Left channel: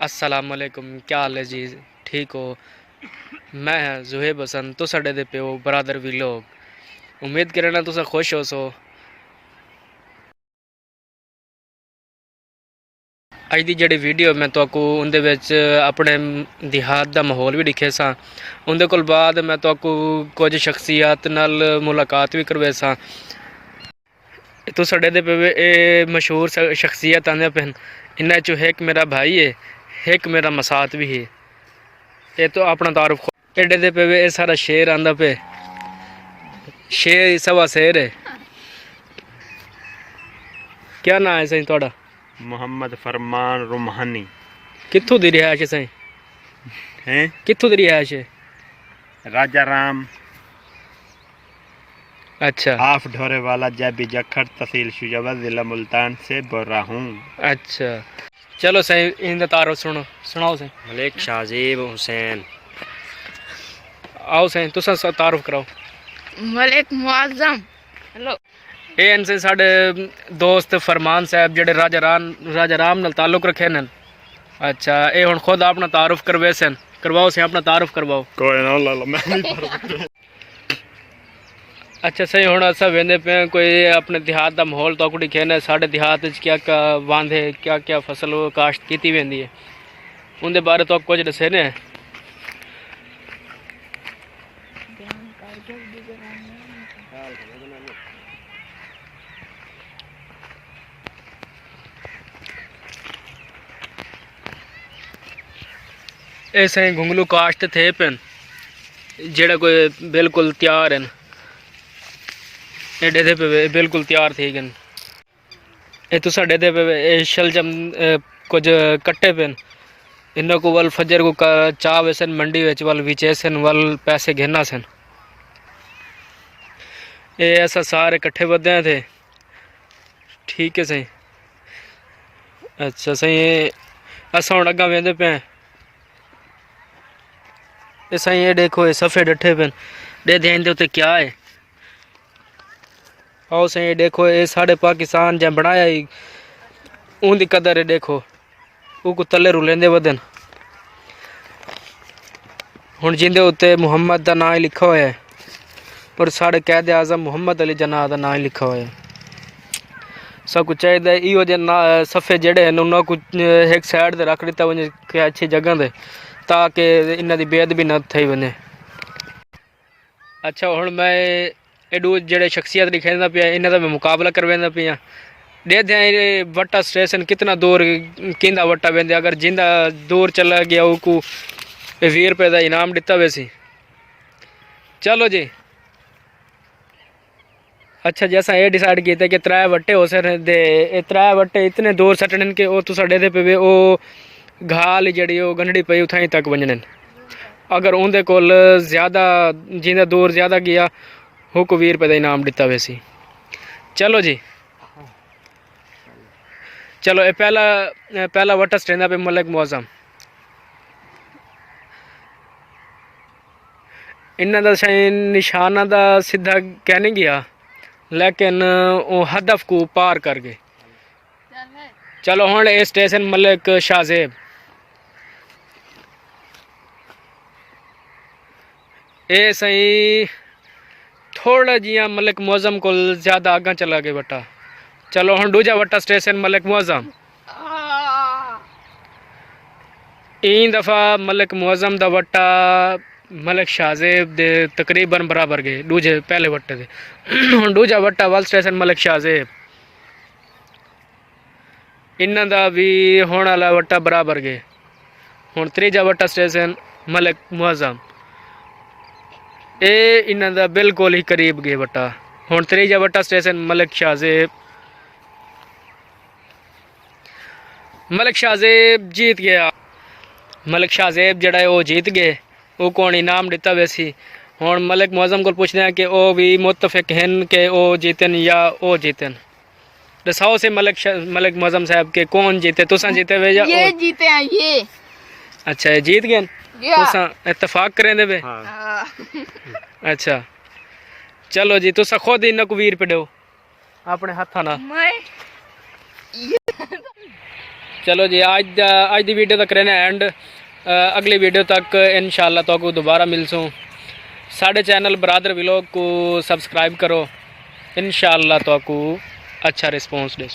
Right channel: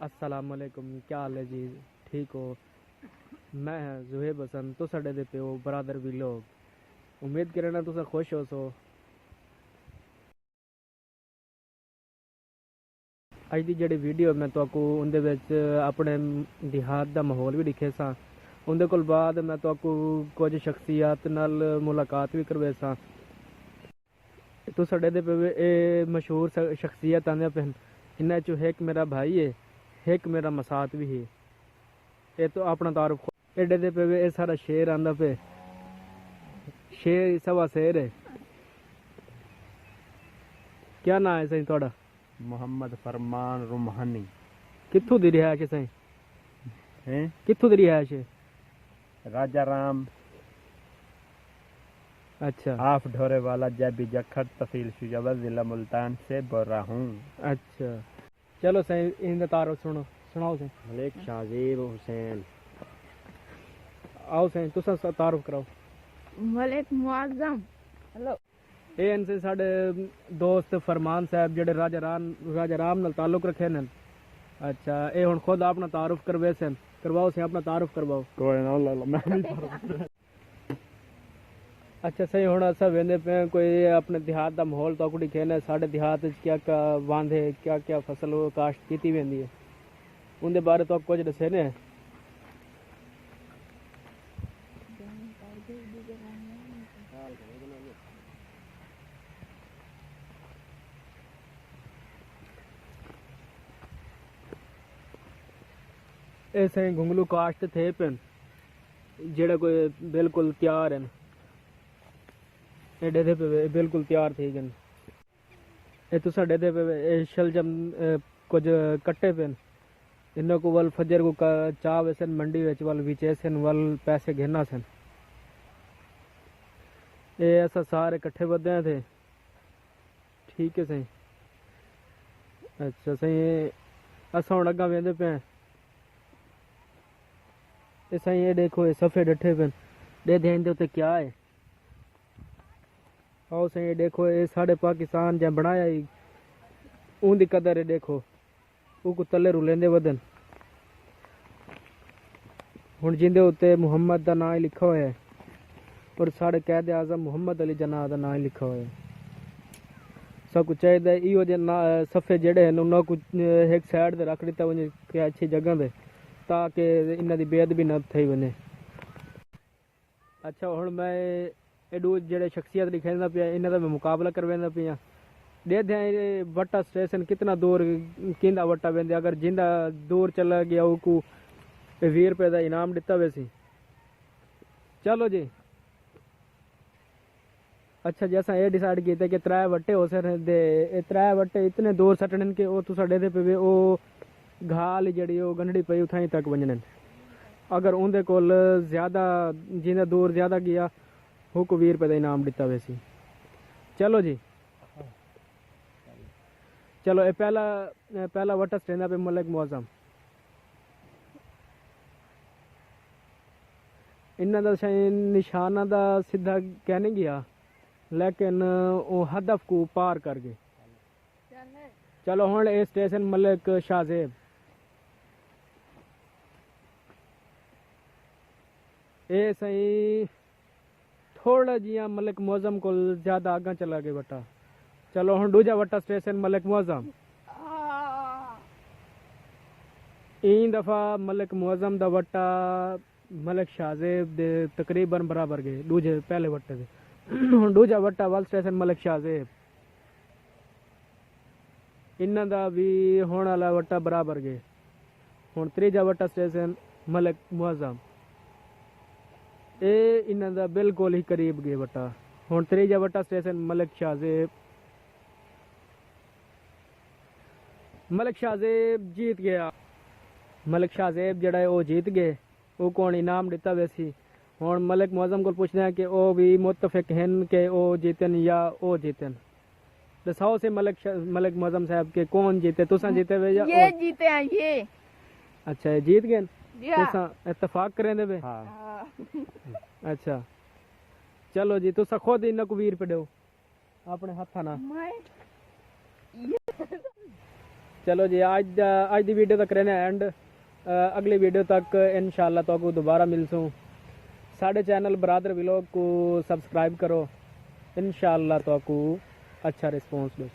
अस्सलाम वालेकुम, क्या हाल है जी? ठीक हो? मैं जुहेब हसन, तो साडे दे प्यो बरादर भी लोग उम्मीद करना तुसा खुश हो सो। अज दी जेह्ड़ी वीडियो मैं तुहाकू उंदे विच अपने देहात दा माहौल भी दिखे सा। उंदे कोल बाद मैं तुहाकू कुछ शख्सियत नाल मुलाकात भी करवे सा। तो साडे दे पे मशहूर शख्सियत आंदे पे इन्हां चों एक मेरा भाई है, एक मेरा मसात भी है। ये तो अपना तारुफ एडे दे पे ये सारा शेर आंदा पे, शेर सवा शेर है। क्या नाम है सही थोड़ा? मोहम्मद फरमान रुमहानी। कित्थों दी रिहायश है सही? हैं कित्थों दी रिहायश है? राजा राम अच्छा आफ ढोरे वाला जैबी जखर तहसील शुजाबाद जिला मुल्तान से बोल रहा हूँ। अच्छा, चलो सही इनका तारुफ सुनाओ सही। मलिक शाजीब हुसैन। आओ सही तुसा तारुफ कराओ। मलिक मुआज़म। हेलो। ये इनसे साढ़े दोस्त फरमान साहब जेडे राजा राम नाल ताल्लुक रखे न। अच्छा, ये हुण खुद अपना तारुफ करवे सन, करवाओ से अपना तारुफ करवाओ। कोई ना ला मैं नहीं अच्छा सही, हुण अस वेंदे पे कोई अपने देहात का माहौल तो दिखे न। साढ़े देहात क्या क्या वांदे, क्या क्या फसल काश्त की वेंदी है, उनके बारे तो कुछ दसे ने। ऐसे घुंगलू काश्त थे पेन जेड़ा कोई बिल्कुल तैयार हैं, एडे दे पे बिल्कुल तैयार थे गन। ये तो साडे दे पे शलजम कुछ कट्टे पेन, इन्हों को वल फजर को चाह वेसन मंडी विच वल विचेसन वल पैसे घेना सन। ये ऐसा सारे इकट्ठे बदे थे, ठीक है सही। अच्छा सही, असा हुण अग्गा वेंदे पे। ये सही ये देखो, ये सफ़े डठे पेन, दे देन दे उत्ते क्या है। आओ सही ये देखो, ये साढ़े पाकिस्तान जै बनाया ही उनकी कदर है। देखो वो तले रुलेंदे वदन, हुण जिंदे उत्ते मुहम्मद का नाम लिखा हुआ है और साढ़े कैद आज़म मुहम्मद अली जना का नाम लिखा हुआ है। सब कुछ चाहिए इो जे ना सफ़े जड़े हैं उन्होंने कुछ एक साइड से रख दिता वने अच्छी जगह से, ताकि इन्हों की बेअदबी न थी वने। अच्छा हुण मैं एडू जेडे शख्सियत दिखाना पिया, इन्हों का मैं मुकाबला करवाना पिया। देख वट्टा स्टेशन कितना दूर किंदा वट्टा वेंदे, अगर जिंदा दूर चला गया वो 20 रुपये का इनाम दिता वैसी। चलो जी। अच्छा जैसा ये डिसाइड किया कि 3 वट्टे हो सकते, 3 वट्टे इतने दूर सटने कि वो तुसा दे पे वो घाल जड़ी गंढड़ी पई उथाई तक वजन। अगर उनके कोल ज़्यादा जिंदा दूर ज़्यादा गया वो को 20 रुपये का इनाम दिता वैसी। चलो जी, चलो ये पहला वट्टा स्टेंदा पे मलिक मुआज़म। इन्हों का शायद निशाना का सीधा कह नहीं गया, लेकिन वो हदफ को पार कर गए। चलो हुण ये स्टेशन मलिक शाहजेब। ये सही थोड़ा जिया मलिक मुआज़म को ज़्यादा आगा चला गया वट्टा। चलो हुण दूजा वट्टा स्टेशन मलिक मुआज़म। इन दफ़ा मलिक मुआज़म दा वट्टा मलिक शाहजेब दे तकरीबन बराबर गए दूजे पहले वट्टे दे। हुण दूजा वट्टा वल स्टेशन मलिक शाहजेब, इन्हां दा भी होने वाला वट्टा बराबर गए। हुण त्रीजा वट्टा स्टेशन मलिक मुआज़म, ये इन्हां दा बिल्कुल ही करीब गए वट्टा। हुण त्रीजा वट्टा स्टेशन मलिक शाहजेब। मलिक शाहजेब जीत गया। मलिक शाहजेब जड़ा है वो जीत गए, वो कौन इनाम दिता वैसी। हुण मलिक मुआज़म को पूछते हैं कि वो भी मुतफिक हैं कि वो जीतन या वो जीतन। दसाओ से मलिक मुआज़म साहब के कौन जीते, तुसा जीते वे या ये जीते हैं ये। अच्छा ये जीत गए, तुसा इतफाक करें दे वे। हाँ। अच्छा चलो जी, तुसा खुद इन्हों को 20 रुपये दो अपने हथा ना। चलो जी आज दी वीडियो तक रहने एंड अगली वीडियो तक इंशाल्लाह तो को दोबारा मिलसूँ। साढ़े चैनल ब्रादर व्लॉग को सब्सक्राइब करो, इंशाल्लाह तो को अच्छा रिस्पॉन्स दे।